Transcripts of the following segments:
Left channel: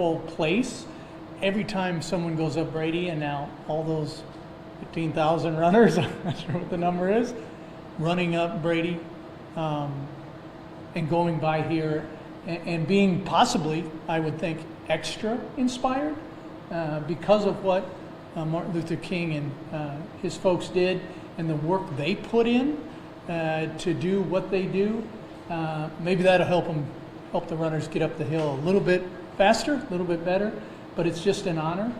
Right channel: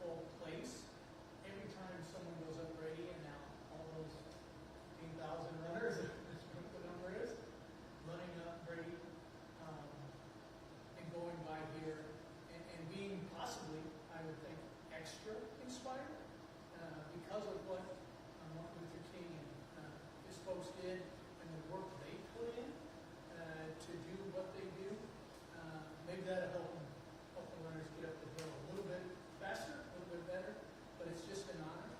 wonderful place. Every time someone goes up Brady, and now all those 15,000 runners, I'm not sure what the number is, running up Brady and going by here and being possibly, I would think, extra inspired because of what Martin Luther King and his folks did and the work they put in to do what they do. Maybe that'll help the runners get up the hill a little bit faster, a little bit better, but it's just an honor.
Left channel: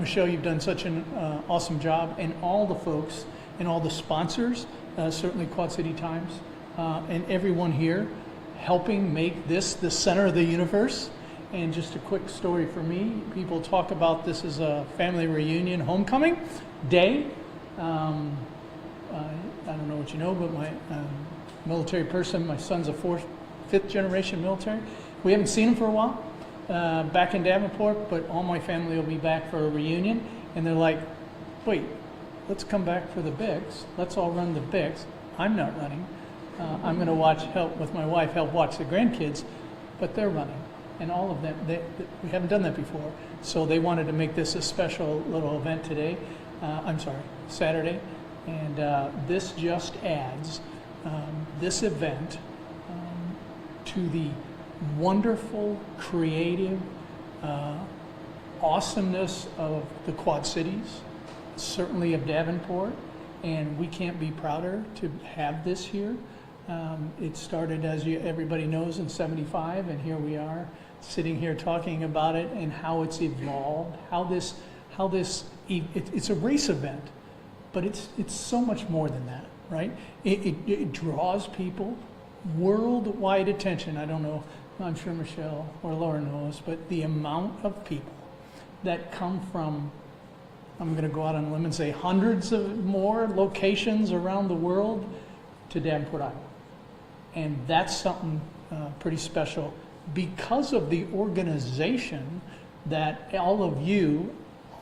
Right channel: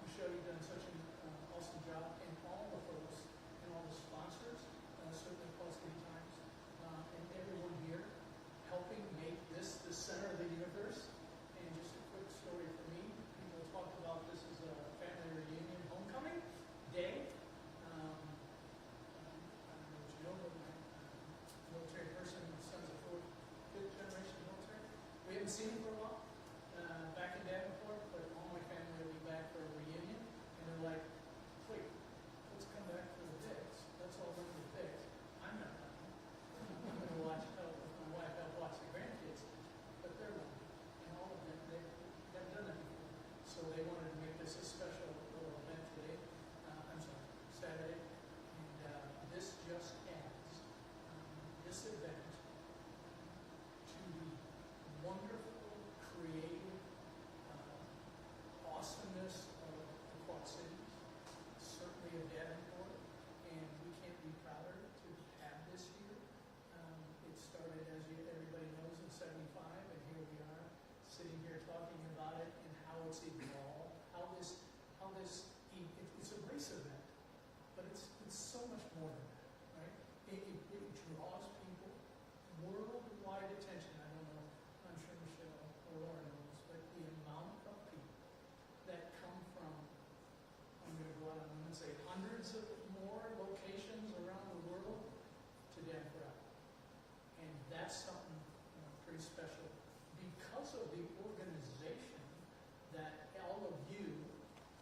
Michelle, you've done such an awesome job, and all the folks and all the sponsors, certainly Quad City Times, and everyone here helping make this the center of the universe. And just a quick story for me, people talk about this as a family reunion homecoming day. I don't know what you know, but my military person, my son's a fifth generation military. We haven't seen him for a while back in Davenport, but all my family will be back for a reunion. And they're like, wait, let's come back for the Bix. Let's all run the Bix. I'm not running. I'm going to help with my wife, help watch the grandkids, but they're running. And all of them, we haven't done that before. So they wanted to make this a special little event today. Saturday. And this just adds this event to the wonderful, creative awesomeness of the Quad Cities, certainly of Davenport, and we can't be prouder to have this here. It started, as everybody knows, in '75, and here we are sitting here talking about it and how it's evolved, it's a race event, but it's so much more than that, right? It draws people, worldwide attention. I don't know, I'm sure Michelle or Laura knows, but the amount of people that come from, I'm going to go out on a limb and say hundreds of more locations around the world to Davenport, Iowa. And that's something pretty special because of the organization that all of you,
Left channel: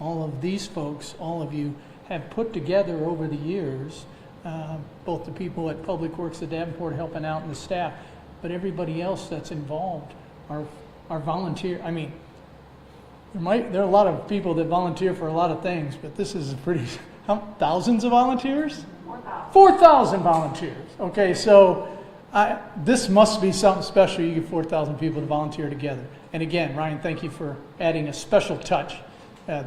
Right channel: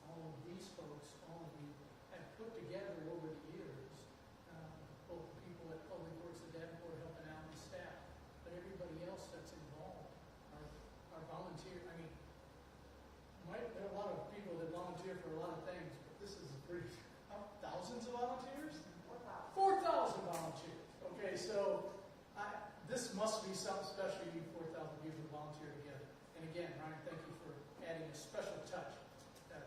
all of these folks, all of you have put together over the years, both the people at Public Works at Davenport helping out and the staff, but everybody else that's involved are volunteer. I mean, there are a lot of people that volunteer for a lot of things, but this is thousands of volunteers? 4,000 volunteers. Okay, so this must be something special. You get 4,000 people to volunteer together. And again, Ryan, thank you for adding a special touch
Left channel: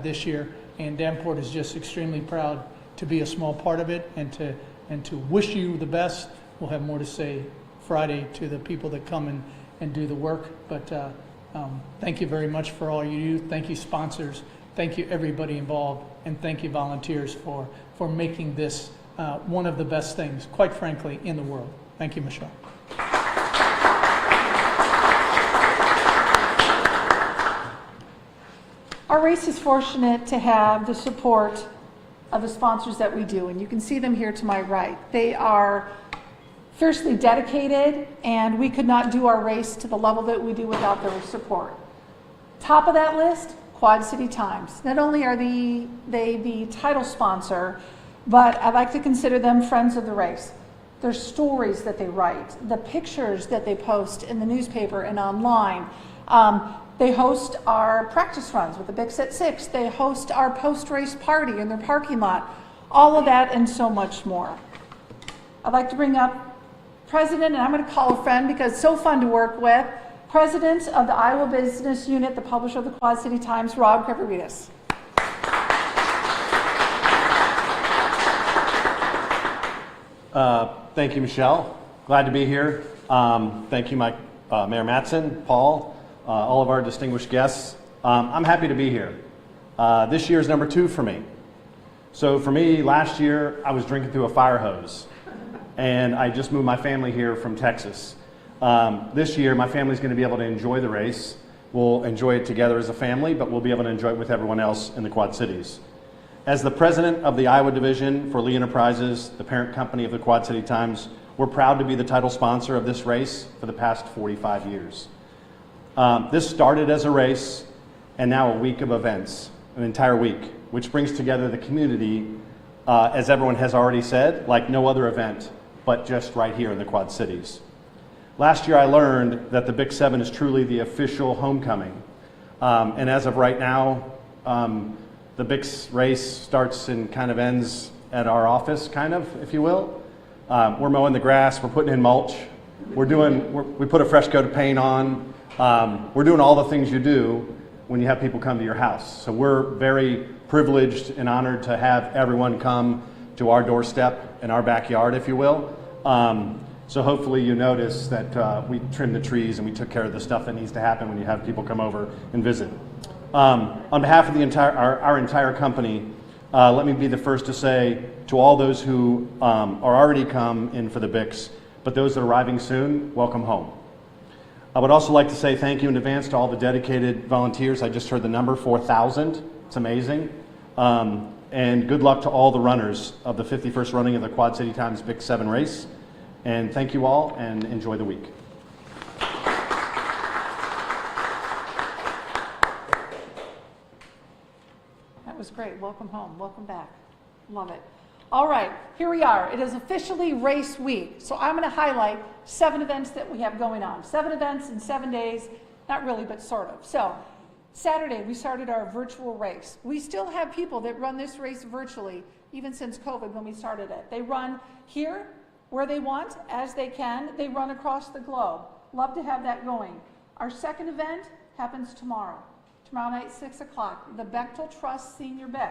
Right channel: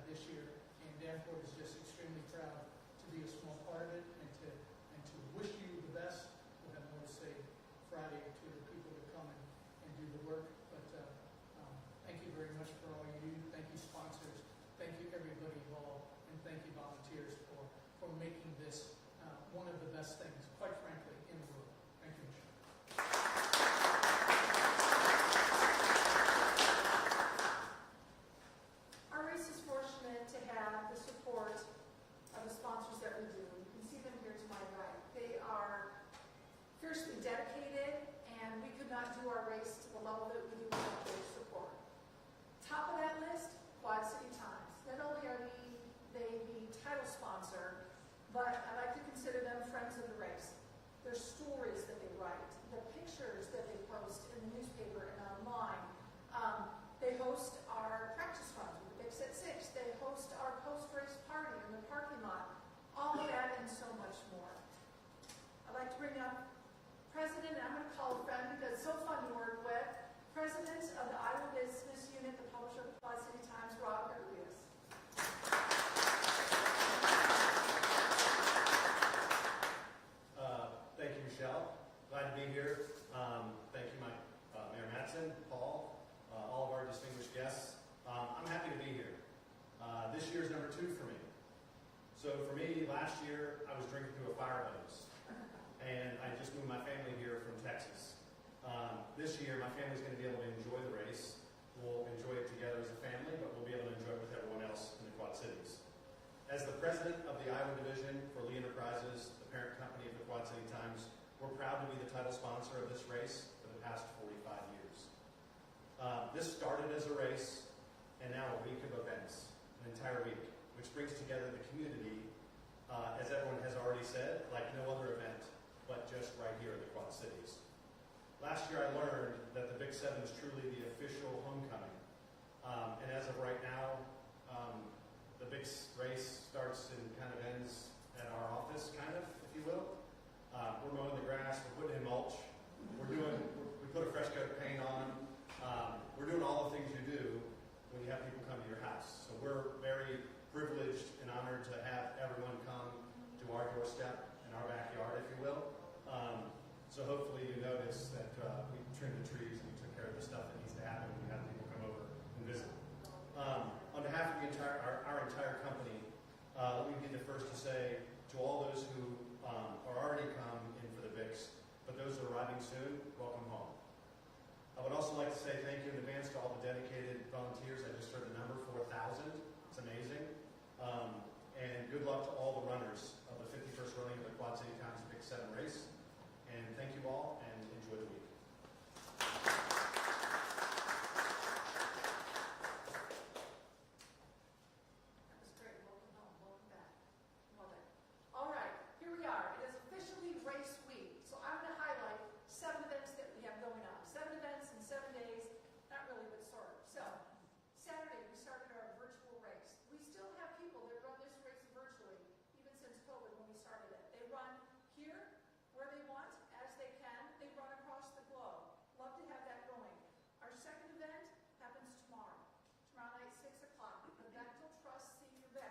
this year. And Davenport is just extremely proud to be a small part of it and to wish you the best. We'll have more to say Friday to the people that come and do the work. But thank you very much for all you do. Thank you, sponsors. Thank you, everybody involved. And thank you, volunteers, for making this one of the best things, quite frankly, in the world. Thank you, Michelle. Our race is fortunate to have the support of the sponsors that we do, and you can see them here to my right. They are fiercely dedicated, and we could not do our race to the level that we do without their support. Top of that list, Quad City Times. Not only are they the title sponsor, but I like to consider them friends of the race. Their stories that they write, the pictures that they post in the newspaper and online. They host our practice runs with the Bix at 6. They host our post-race party in their parking lot. All of that and so much more. I'd like to bring up President, and I'm going to call a friend because it's so fun to work with, President of the Iowa Business Unit, the publisher of the Quad City Times, Rob Kriveritis. Thank you, Michelle. Glad to be here. Thank you, Mayor Mattson, Paul, all of our distinguished guests. I'm happy to be here. This year is number 2 for me. So for me, last year, I was drinking through a fire hose, and I just moved my family here from Texas. This year, my family's going to be able to enjoy the race. We'll enjoy it together as a family, but we'll be able to enjoy it with everyone else in the Quad Cities. As the president of the Iowa division for Lee Enterprises, the parent company of the Quad City Times, we're proud to be the title sponsor of this race for the past 45 years. This started as a race and now a week of events, an entire week, which brings together the community, as everyone has already said, like no other event, but just right here in the Quad Cities. Last year I learned that the Bix 7 is truly the official homecoming And as of right now, the Bix race starts and kind of ends at our office, kind of, if you will. We're mowing the grass, we're putting in mulch, we put a fresh coat of paint on. We're doing all the things you do when you have people come to your house. So we're very privileged and honored to have everyone come to our doorstep in our backyard, if you will. So hopefully you notice that we trimmed the trees and we took care of the stuff that needs to happen when you have people come over and visit. On behalf of our entire company, let me be the first to say to all those who are already come in for the Bix, but those that are arriving soon, welcome home. I would also like to say thank you in advance to all the dedicated volunteers. I just heard the number, 4,000. It's amazing. And good luck to all the runners of the 51st running of the Quad City Times Bix 7 race. And thank you all, and enjoy the week. That was great. Welcome home. Welcome back. Love it. All right, here we are. It is officially race week. So I'm going to highlight 7 events that we have going on. 7 events in 7 days. Not really, but sort of. So Saturday, we started our virtual race. We still have people that run this race virtually, even since COVID when we started it. They run here, where they want, as they can. They run across the globe. Love to have that going. Our second event happens tomorrow. Tomorrow night, 6 o'clock, the Bechtel Trust Senior Bix.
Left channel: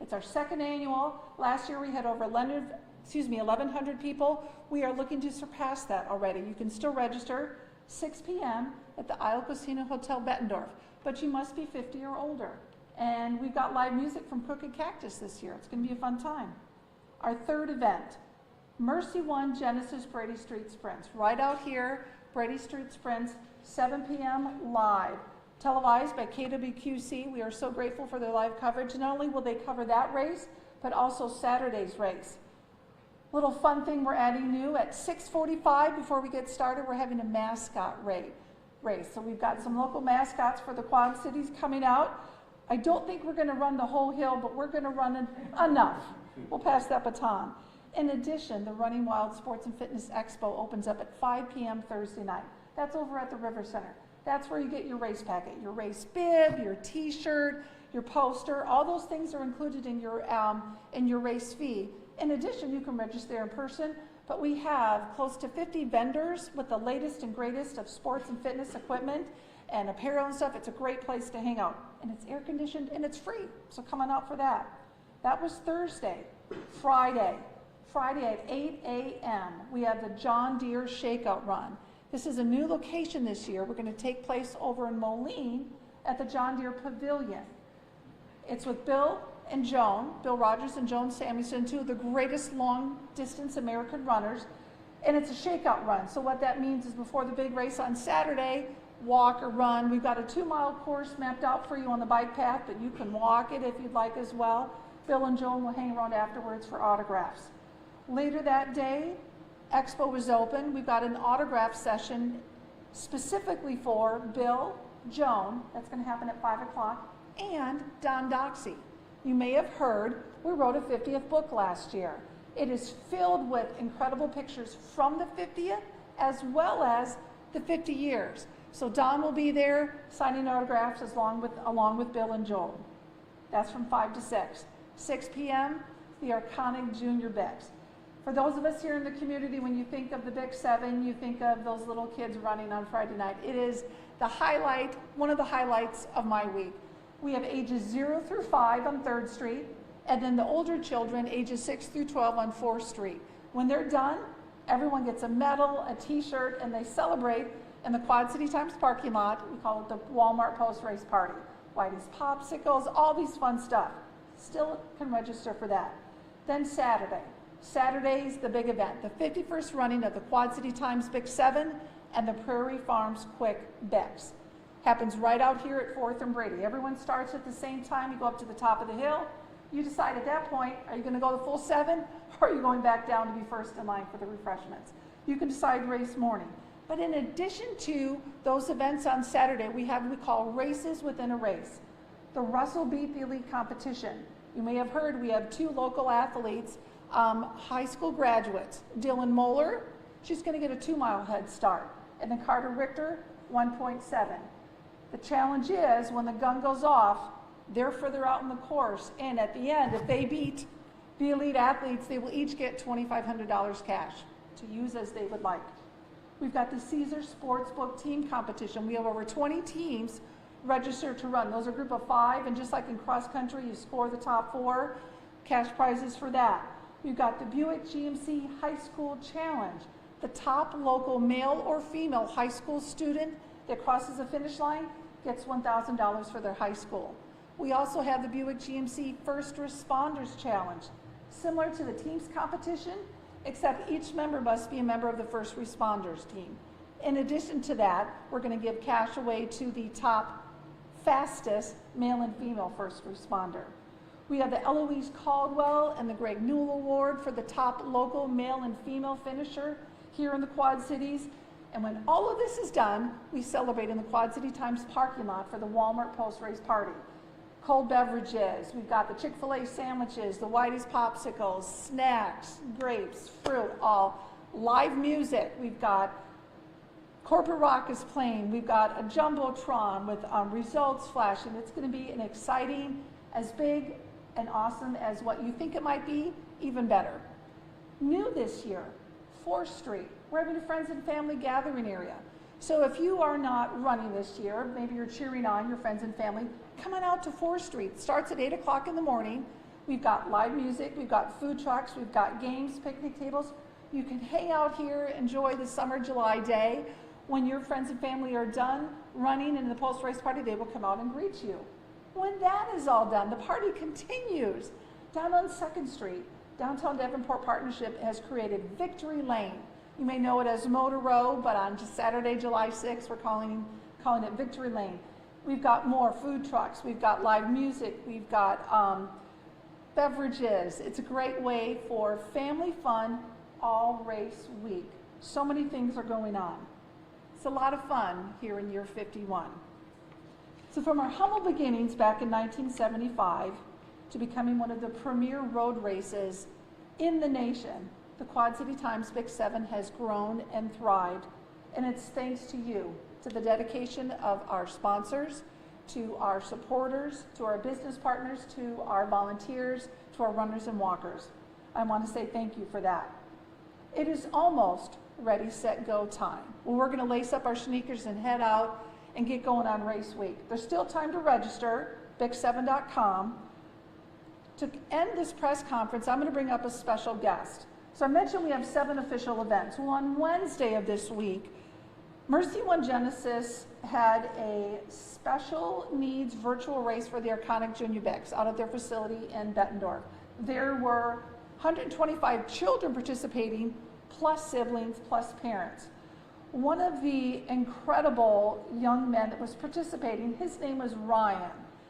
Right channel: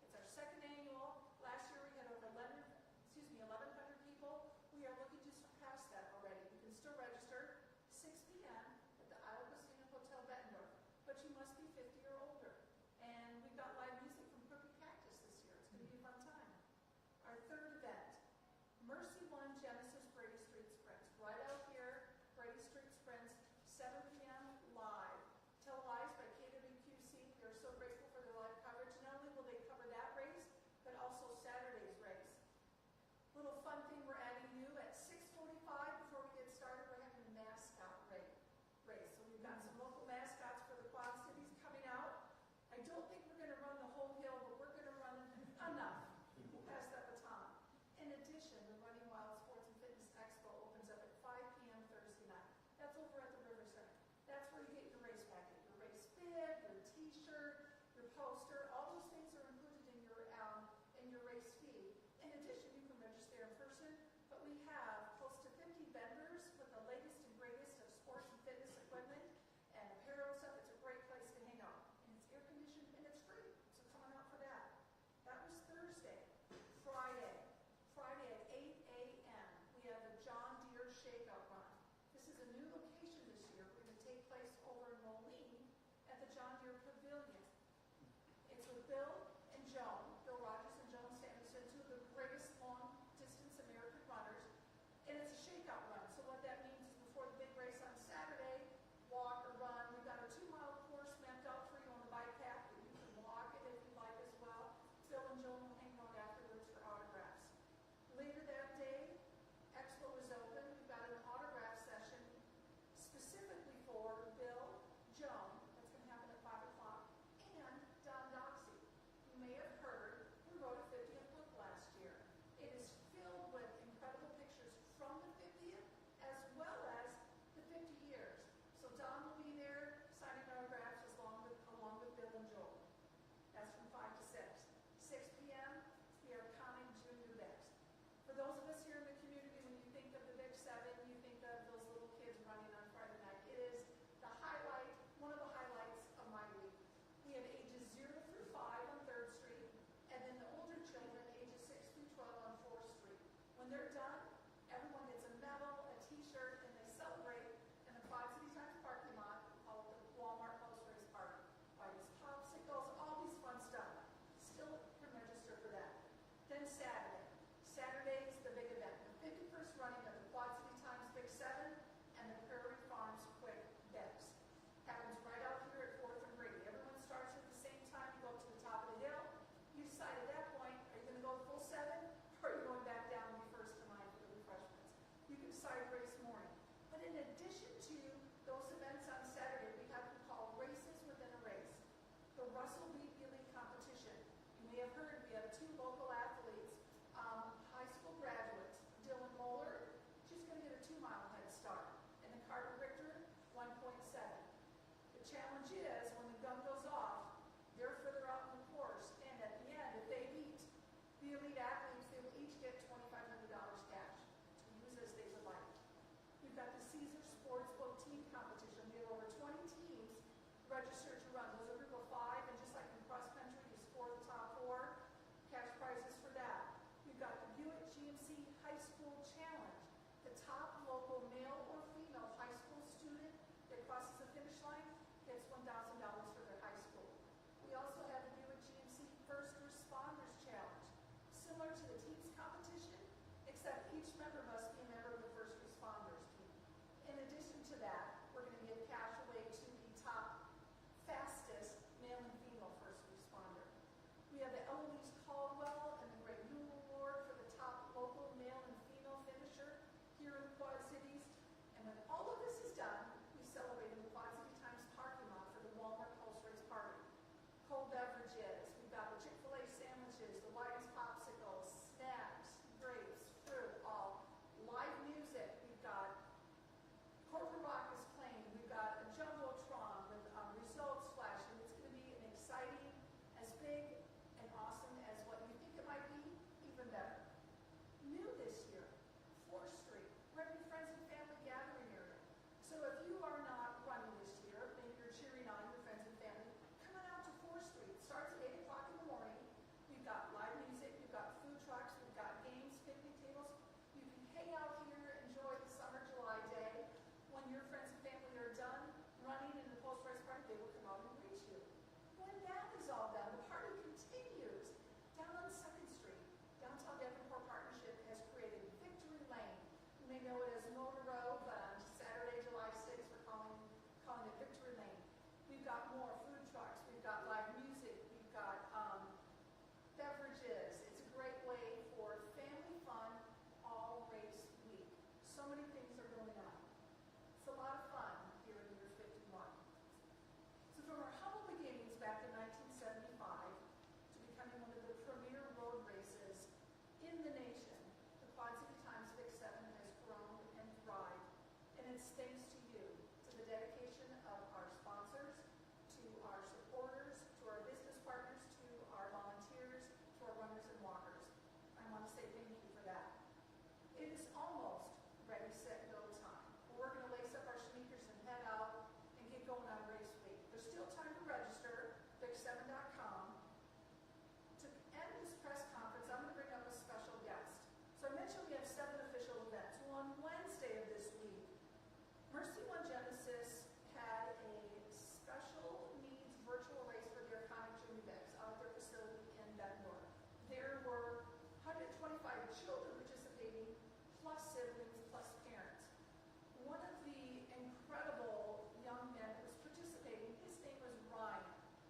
It's our second annual. Last year we had over 1,100 people. We are looking to surpass that already. You can still register 6 p.m. at the Isle Casino Hotel Bettendorf, but you must be 50 or older. And we've got live music from Crooked Cactus this year. It's going to be a fun time. Our third event, Mercy One Genesis Brady Street Sprints. Right out here, Brady Street Sprints, 7 p.m. live. Televised by KWQC. We are so grateful for their live coverage. Not only will they cover that race, but also Saturday's race. Little fun thing we're adding new at 6:45 before we get started, we're having a mascot race. So we've got some local mascots for the Quad Cities coming out. I don't think we're going to run the whole hill, but we're going to run enough. We'll pass that baton. In addition, the Running Wild Sports and Fitness Expo opens up at 5 p.m. Thursday night. That's over at the River Center. That's where you get your race packet, your race bib, your t-shirt, your poster. All those things are included in your race fee. In addition, you can register in person, but we have close to 50 vendors with the latest and greatest of sports and fitness equipment and apparel and stuff. It's a great place to hang out, and it's air conditioned and it's free, so come on out for that. That was Thursday. Friday at 8 a.m., we have the John Deere Shakeout Run. This is a new location this year. We're going to take place over in Moline at the John Deere Pavilion. It's with Bill Rogers and Joan Samuelson, 2 of the greatest long-distance American runners, and it's a shakeout run. So what that means is before the big race on Saturday, walk or run. We've got a 2-mile course mapped out for you on the bike path, but you can walk it if you'd like as well. Bill and Joan will hang around afterwards for autographs. Later that day, Expo is open. We've got an autograph session specifically for Bill, Joan. That's going to happen at 5 o'clock. And Don Doxey. You may have heard we wrote a 50th book last year. It is filled with incredible pictures from the 50th as well as the 50 years. So Don will be there signing autographs along with Bill and Joan. That's from 5 to 6. 6 p.m., the iconic Junior Bix. For those of us here in the community, when you think of the Bix 7, you think of those little kids running on Friday night. It is the highlight, one of the highlights of my week. We have ages 0 through 5 on 3rd Street, and then the older children, ages 6 through 12 on 4th Street. When they're done, everyone gets a medal, a t-shirt, and they celebrate in the Quad City Times parking lot. We call it the Walmart post-race party. Whitey's popsicles, all these fun stuff. Still can register for that. Then Saturday's the big event, the 51st running of the Quad City Times Bix 7 and the Prairie Farms Quick Bix. Happens right out here at 4th and Brady. Everyone starts at the same time. You go up to the top of the hill. You decide at that point, are you going to go the full 7 or are you going back down to be first in line for the refreshments? You can decide race morning. But in addition to those events on Saturday, we have what we call races within a race. The Russell Beat the Elite competition. You may have heard we have 2 local athletes, high school graduates. Dylan Moeller, she's going to get a 2-mile head start. And then Carter Richter, 1.7. The challenge is when the gun goes off, they're further out in the course, and at the end, if they beat the elite athletes, they will each get $2,500 cash to use as they would like. We've got the Caesar Sportsbook team competition. We have over 20 teams registered to run. Those are a group of 5, and just like in cross country, you score the top 4, cash prizes for that. We've got the Buick GMC High School Challenge. The top local male or female high school student that crosses the finish line gets $1,000 for their high school. We also have the Buick GMC First Responders Challenge, similar to the teams competition, except each member must be a member of the first responders team. In addition to that, we're going to give cash away to the top fastest male and female first responder. We have the Eloise Caldwell and the Greg Newell Award for the top local male and female finisher here in the Quad Cities. And when all of this is done, we celebrate in the Quad City Times parking lot for the Walmart post-race party. Cold beverages, we've got the Chick-fil-A sandwiches, the Whitey's popsicles, snacks, grapes, fruit, all live music. We've got corporate rock is playing. We've got a jumbotron with results flashing. It's going to be an exciting, as big and awesome as what you think it might be, even better. New this year, 4th Street. We're having a friends and family gathering area. So if you are not running this year, maybe you're cheering on your friends and family, come on out to 4th Street. It starts at 8 o'clock in the morning. We've got live music, we've got food trucks, we've got games, picnic tables. You can hang out here, enjoy the summer July day. When your friends and family are done running in the post-race party, they will come out and greet you. When that is all done, the party continues. Down on 2nd Street, Downtown Davenport Partnership has created Victory Lane. You may know it as Motor Row, but on Saturday, July 6th, we're calling it Victory Lane. We've got more food trucks, we've got live music, we've got beverages. It's a great way for family fun all race week. So many things are going on. It's a lot of fun here in year 51. So from our humble beginnings back in 1975 to becoming one of the premier road races in the nation, the Quad City Times Bix 7 has grown and thrived, and it's thanks to you, to the dedication of our sponsors, to our supporters, to our business partners, to our volunteers, to our runners and walkers. I want to say thank you for that. It is almost ready, set, go time. Well, we're going to lace up our sneakers and head out and get going on race week. There's still time to register, bix7.com. To end this press conference, I'm going to bring up a special guest. So I mentioned we have 7 official events. Well, on Wednesday of this week, Mercy One Genesis had a special needs virtual race for the iconic Junior Bix out at their facility in Bettendorf. There were 125 children participating, plus siblings, plus parents. One of the incredible young men that was participating, his name was Ryan.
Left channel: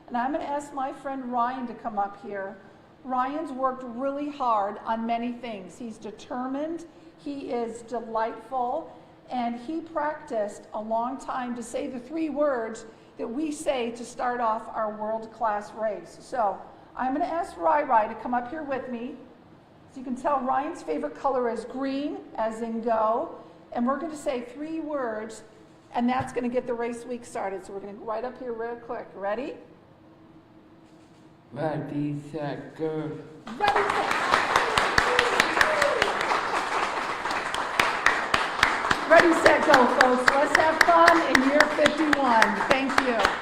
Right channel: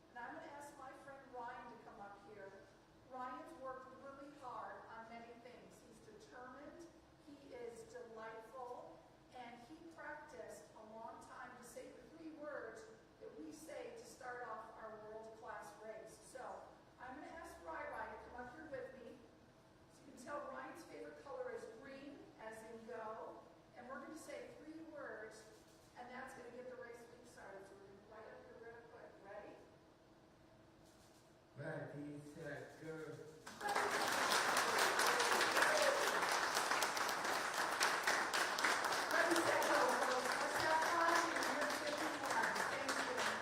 And I'm going to ask my friend Ryan to come up here. Ryan's worked really hard on many things. He's determined, he is delightful, and he practiced a long time to say the 3 words that we say to start off our world-class race. So I'm going to ask Rai to come up here with me. So you can tell Ryan's favorite color is green, as in go. And we're going to say 3 words, and that's going to get the race week started. So we're going to go right up here real quick. Ready? Ready, set, go. Ready, set. Ready, set, go, folks. Let's have fun in year 51. Thank you.